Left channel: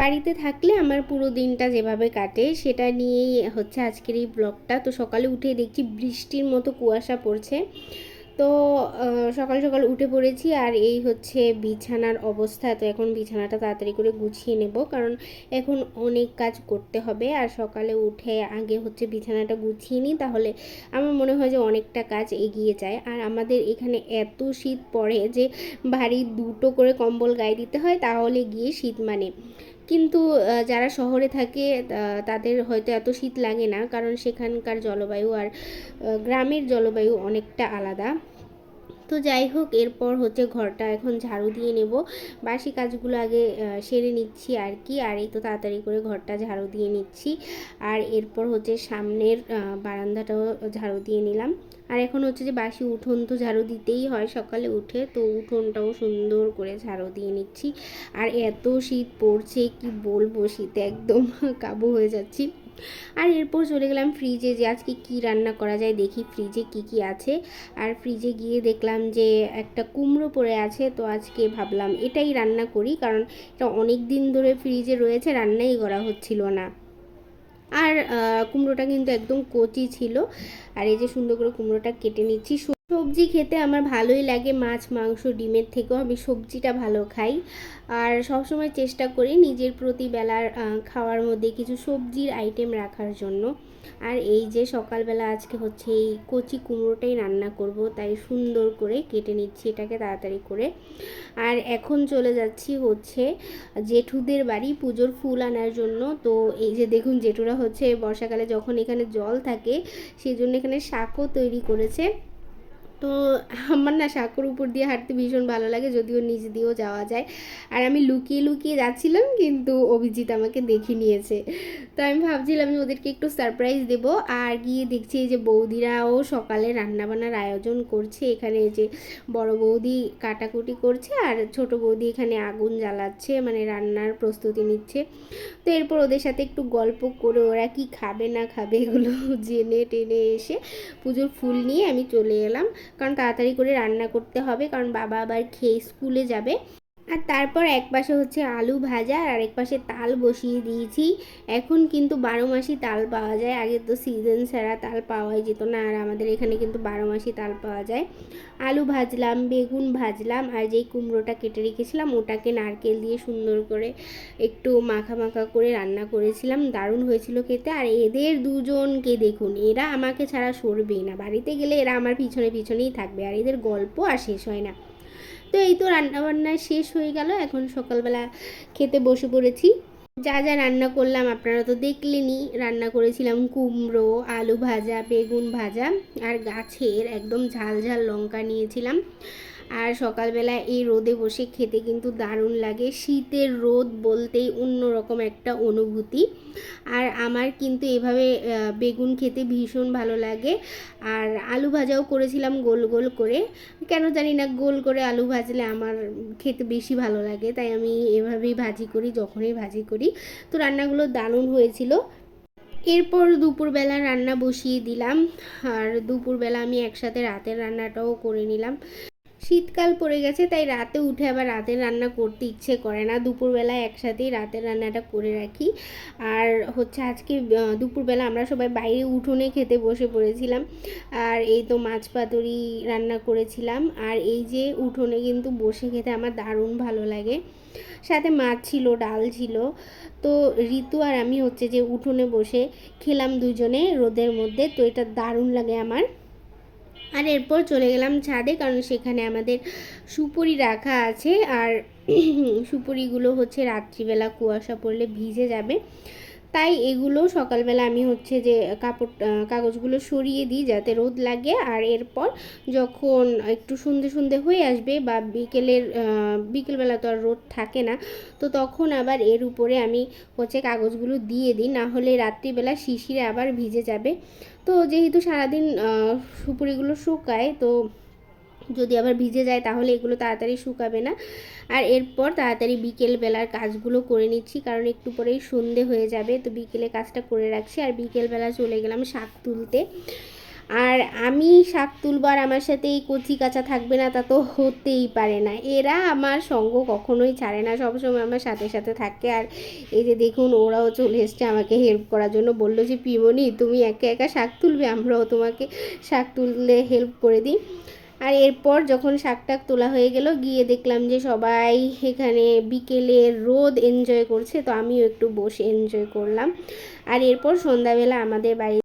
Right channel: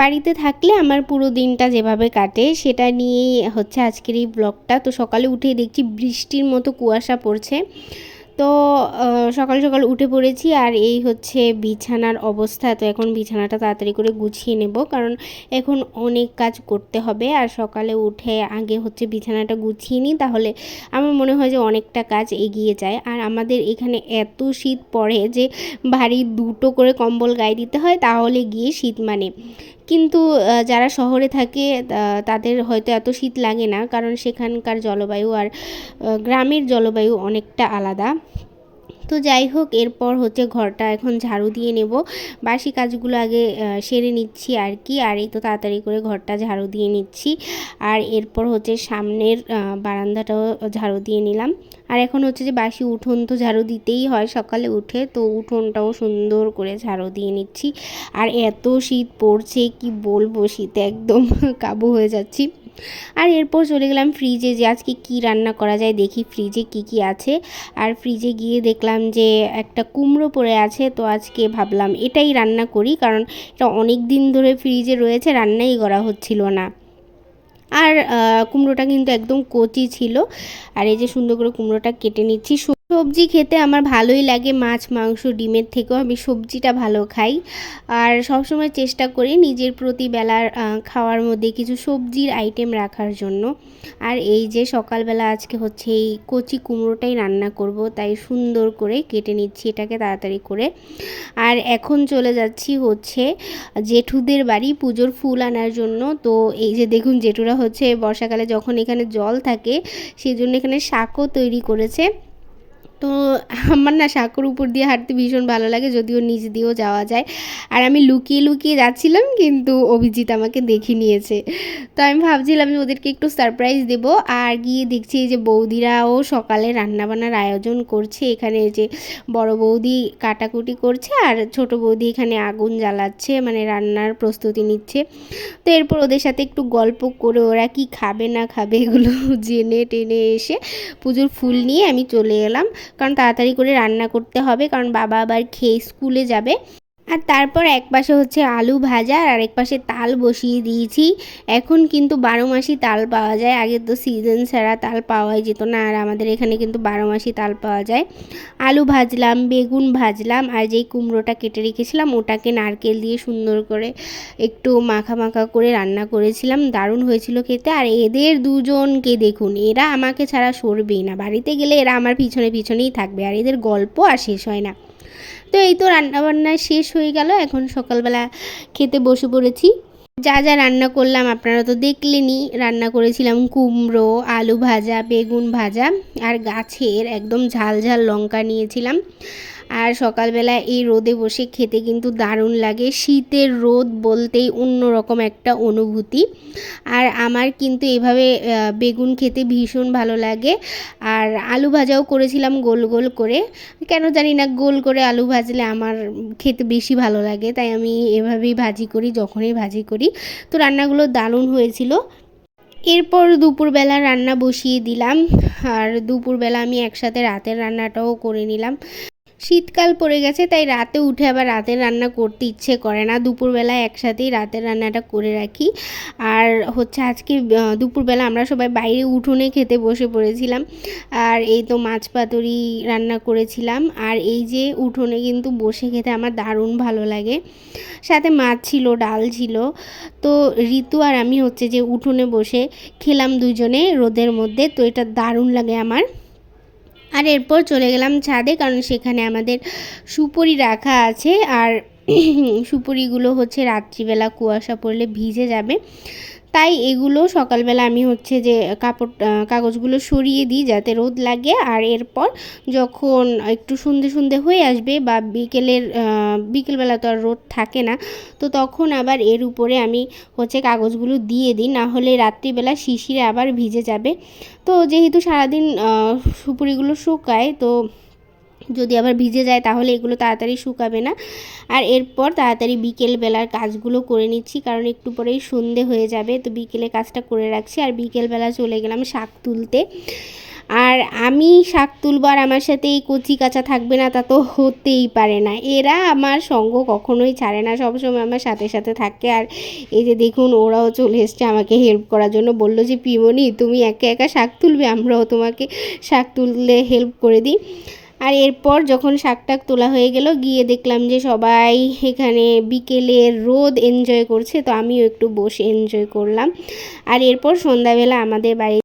বাড়িতে থাকলে আমার পুরো দিনটা যেভাবে কাটে সেটা নিয়েই হচ্ছে আজকের এই ব্লগটা। তো সকালে উঠে দেখছি বৃষ্টির মতো কুয়াশা পড়ছে। তো সকাল সকাল উঠে পড়েছি আর এই হচ্ছে বিছানার অবস্থা। তো এখন বিছানাটা তাড়াতাড়ি করে গুছিয়ে নেব, কারণ এখন অনেক কাজ করতে হবে। আর সকালে উঠে আগে হচ্ছে বিছানাটা গুছিয়ে নিই, তাহলে আমার মনে হয় যে অনেকটা কাজ এগিয়ে যায়। আর আমাদের এখানে এত শীত পড়ে যে ভারী দুটো করে কম্বল গায়ে দিতে হয়, তাহলে গিয়ে শীত মানে। কিন্তু যারা শহরে থাকে তাদের হয়তো এত শীত লাগে না, কারণ সেখানকার জলবায়ু আর গ্রামের জলবায়ু অনেকটা আলাদা। তো যাই হোক, এরপর হচ্ছে ঘরটা এখন ঝাড়ু দিয়ে নেব। বাসি কাজগুলো আগে সেরে নিচ্ছি আর কি। আর এই তো তাড়াতাড়ি করে ঘরটা ঝাড়ু দিয়ে নিচ্ছি। আর এরপর হচ্ছে সামনের বারান্দাটাও ঝাড়ু দিয়ে নিলাম। আর এখন হচ্ছে যে বাসি উঠোন তো ঝাড়ু দিতেই হয় সকালে উঠে, তো উঠোনটাও সুন্দর করে ঝাড়ু দিয়ে নিচ্ছি। আর এত শীত পড়ছে কি বলবো, শীতে একদম কাবু হয়ে যাচ্ছি। আর এরপর চলে গেলাম ফ্রিজে, যে আজকে কি রান্না করা যায় দেখি ফ্রিজে কি কি আছে। আর ফ্রিজে গিয়ে দেখলাম যে একটা কুমড়ো পড়ে আছে। তো আজকে ভাবলাম এটাই রান্না করি, কারণ এটা অনেক দিন ধরে ফ্রিজে রয়েছে, রান্নাই করা হচ্ছিল না। আর কুমড়োটা কিন্তু একদম কচি ছিল। আর এই যে সুন্দর করে কুমড়োটা কেটে নিচ্ছি। সবজি খেতে আমার ভালোই লাগে, মাছ মাংস ডিমের থেকেও আমি সবজিটা ভালো খাই। আর সবসময় চেষ্টা করি নিজের প্রতিবেলার খাওয়ার মধ্যে কিছু সবজির আইটেম রাখার জন্য। আর এই যে সকালবেলা আজকে হচ্ছে এই কচি কুমড়োটাই রান্না করব, তাই সুন্দর করে কেটে নিচ্ছি এটাকে তাড়াতাড়ি করে। আর এখন চলে যাচ্ছি হচ্ছে জেঠুদের বাড়ি পুজোর ফুল আনার জন্য। তো এই যে দেখুন, জেঠুরা হচ্ছে বর্ষাকালে যখন এখানে জল থাকে সেই জন্য এখানে শাকও তৈরি করেছে। তো আমার না সাঁকোর উপর দিয়ে হাঁটতে ভীষণ ভালো লাগে, যদিও নিচ দিয়েও যাওয়া যায়। আর আমি লুকিয়ে লুকিয়ে যাচ্ছিলাম, কিন্তু অভিজিৎ আমাকে দেখে নিয়েছে। তো আমি ভাবছিলাম যে ওদেরকে একটু সারপ্রাইজ দেব। আর গিয়ে দেখছি যে বৌদিরাও সকালে রান্নাবান্নার আয়োজন করছে। এখানে যে বড় বৌদি কাটাকুটি করছে আর ছোট বৌদি এখানে আগুন জ্বালাচ্ছে, মানে রান্নার প্রস্তুতি নিচ্ছে। তো এরপর ওদের সাথে একটু গল্প করে ওরা কি খাবে না খাবে এগুলো জেনে টেনে এসে পুজোর ফুল নিয়ে আমি চলে এলাম, কারণ তাড়াতাড়ি করে রান্না করতে হবে, কারণ বাবা আবার খেয়ে স্কুলে যাবে। আর তারপর এক পাশে হচ্ছে আলু ভাজা আর আরেক পাশে তাল বসিয়ে দিয়েছি। এখন কিন্তু 12 মাসই তাল পাওয়া যায়, আগে তো সিজন ছাড়া তাল পাওয়াই যেত না। আর আমাদের এখানে কিন্তু 12 মাসই তাল পাওয়া যায়। আলু ভাজলাম, বেগুন ভাজলাম, আর যেই কুমড়োটা কেটে রেখেছিলাম ওটাকে নারকেল দিয়ে সুন্দর করে একটু মাখা মাখা করে রান্না করেছিলাম, দারুণ হয়েছিল খেতে। আর এদের দুজনকে দেখুন, এরা আমাকে ছাড়া সরবেই না, বাড়িতে গেলে এরা আমার পিছনে পিছনেই থাকবে, আর এদের গল্প আর শেষ হয় না। তো এই তো রান্নাবান্না শেষ হয়ে গেল, এখন সকালবেলা খেতে বসে পড়েছি। যা যা রান্না করলাম আপনারা তো দেখলেনই। রান্না করেছিলাম কুমড়ো, আলু ভাজা, বেগুন ভাজা, আর গাছের একদম ঝাল ঝাল লঙ্কা নিয়েছিলাম। আর সকালবেলা এই রোদে বসে খেতে কিন্তু দারুণ লাগে, শীতের রোদ বলতেই অন্যরকম একটা অনুভূতি। আর আমার কিন্তু এভাবে বেগুন খেতে ভীষণ ভালো লাগে। আর আলু ভাজাও করেছিলাম গোল গোল করে, কেন জানি না গোল করে আলু ভাজলে আমার খেতে বেশি ভালো লাগে, তাই আমি এভাবেই ভাজি করি যখনই ভাজি করি। তো রান্নাগুলো দারুণ হয়েছিল। এরপর দুপুরবেলা রান্না বসিয়ে দিলাম। আর দুপুরবেলা আমি একসাথে রাতের রান্নাটাও করে নিলাম। শীতকাল পড়ে গেছে, তাই রাতে উঠে আবার রাতের রান্না করতে ইচ্ছে করে না, দুপুরবেলা একসাথেই রাতের রান্নাটা করে রাখি। আর হচ্ছে আজকে দুপুরবেলা আমরা সবাই বাইরে উঠোনে খেতে বসে পড়েছিলাম। আর এই তো মাছ পাতুরি রান্না করেছিলাম। আর এই যে উঠোনে কিন্তু বসে খেতে আমার দারুণ ভালো লাগে, সাথে মাছ ছিল, ডাল ছিল। তো ঋতু আর আমি হচ্ছে যে উঠোনে বসে খেলাম দুজনে রোদের মধ্যে, তো এটা দারুণ লাগে আমার। আর এরপর চলে গেলাম ছাদে, কারণ সেখানে আমাদের সুপুরি রাখা আছে। আর সুপুরিগুলো হচ্ছে রাত্রিবেলা কুয়াশা পড়লে ভিজে যাবে, তাই এগুলো সকালবেলা আমি হচ্ছে যে কাগজগুলো সরিয়ে দিই যাতে রোদ লাগে। আর এরপর যখন একটু সন্ধে সন্ধে হয়ে আসবে বা বিকেলবেলা তো আর রোদ থাকে না, তো তখন আবার এর উপরে আমি হচ্ছে কাগজগুলো দিয়ে দিই, না হলে রাত্রিবেলা শিশিরে আবার ভিজে যাবে। তো যেহেতু সারাদিন সুপুরিগুলো শুকায়, তো যদি আবার ভিজে যায় তাহলে এগুলো তাড়াতাড়ি শুকাবে না। আর এরপর তাড়াতাড়ি বিকেলবেলার কাজগুলো করে নিচ্ছি, কারণ একটু পরেই সন্ধে হয়ে যাবে, তো বিকেলে কাজটা করে রাখছি। আর বিকেলবেলা চলে গেলাম শাক তুলতে। আর আমি শাক তুলবো আর আমার সাথে এই কচি কাঁচা থাকবে না, তা তো হতেই পারে না। এরা আমার সঙ্গ কখনোই ছাড়ে না, সবসময় আমার সাথে সাথে থাকে। আর এই যে দেখুন ওরাও চলে এসছে আমাকে হেল্প করার জন্য, বললো যে পিমনি তুমি একা একা শাক তুলবে, আমরাও তোমাকে শাক তুললে হেল্প করে দিই। আর এরপর যখন শাক টাক তোলা হয়ে গেল, গিয়ে দেখলাম যে সবাই এখানে বিকেলের রোদ এনজয় করছে, তো আমিও একটু বসে এনজয় করলাম। আর এরপর সন্ধ্যাবেলা আমাদের বাড়ি